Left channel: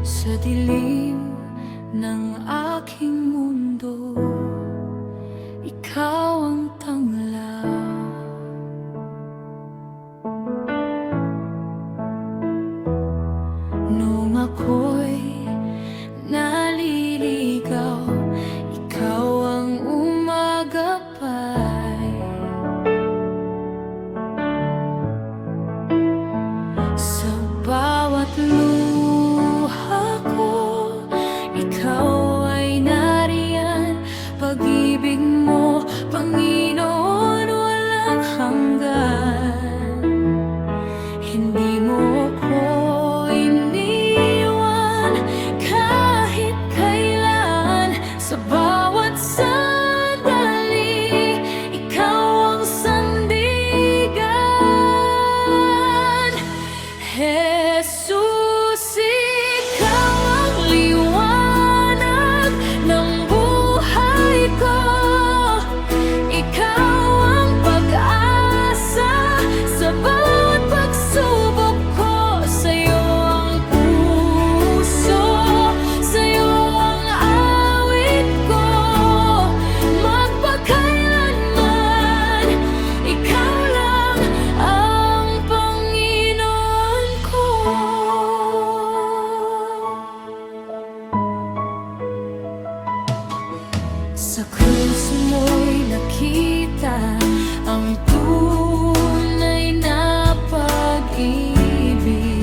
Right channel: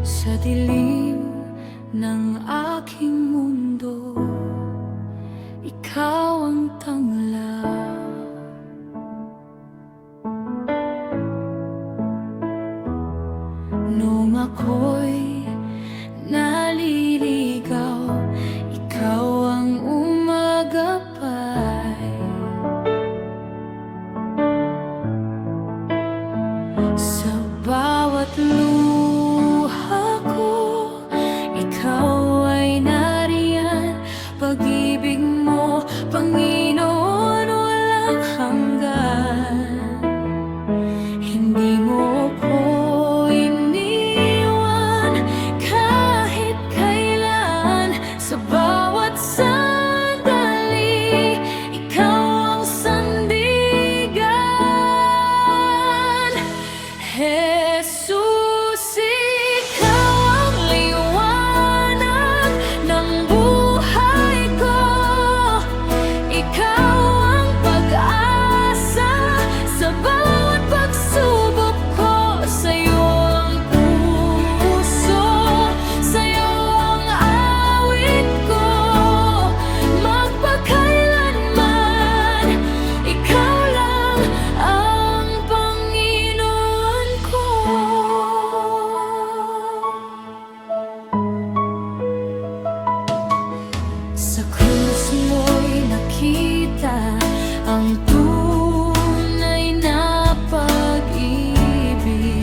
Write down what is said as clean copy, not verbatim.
Sa dilim ng aking mundo, ikaw ang tangla. Nung ako'y naliligaw, ikaw ang umagapay. Sa bawat luha ko, ikaw ay nariyan. Pag-ibig mo, Panginoon, walang hanggan. Hindi mo ko iniwan kahit kailan. Sa bawat sandali, ikaw ang sandigan. Jesus, ikaw ang liwanag ng buhay ko. Ikaw ang pag-asa sa bawat pagsubok ko. Sa'yo ang puso, sa'yo ang awit ko. Magpakailanman, ikaw lang ang Panginoon ko. Sa krus mo'y nakita ang tunay na pag-ibig.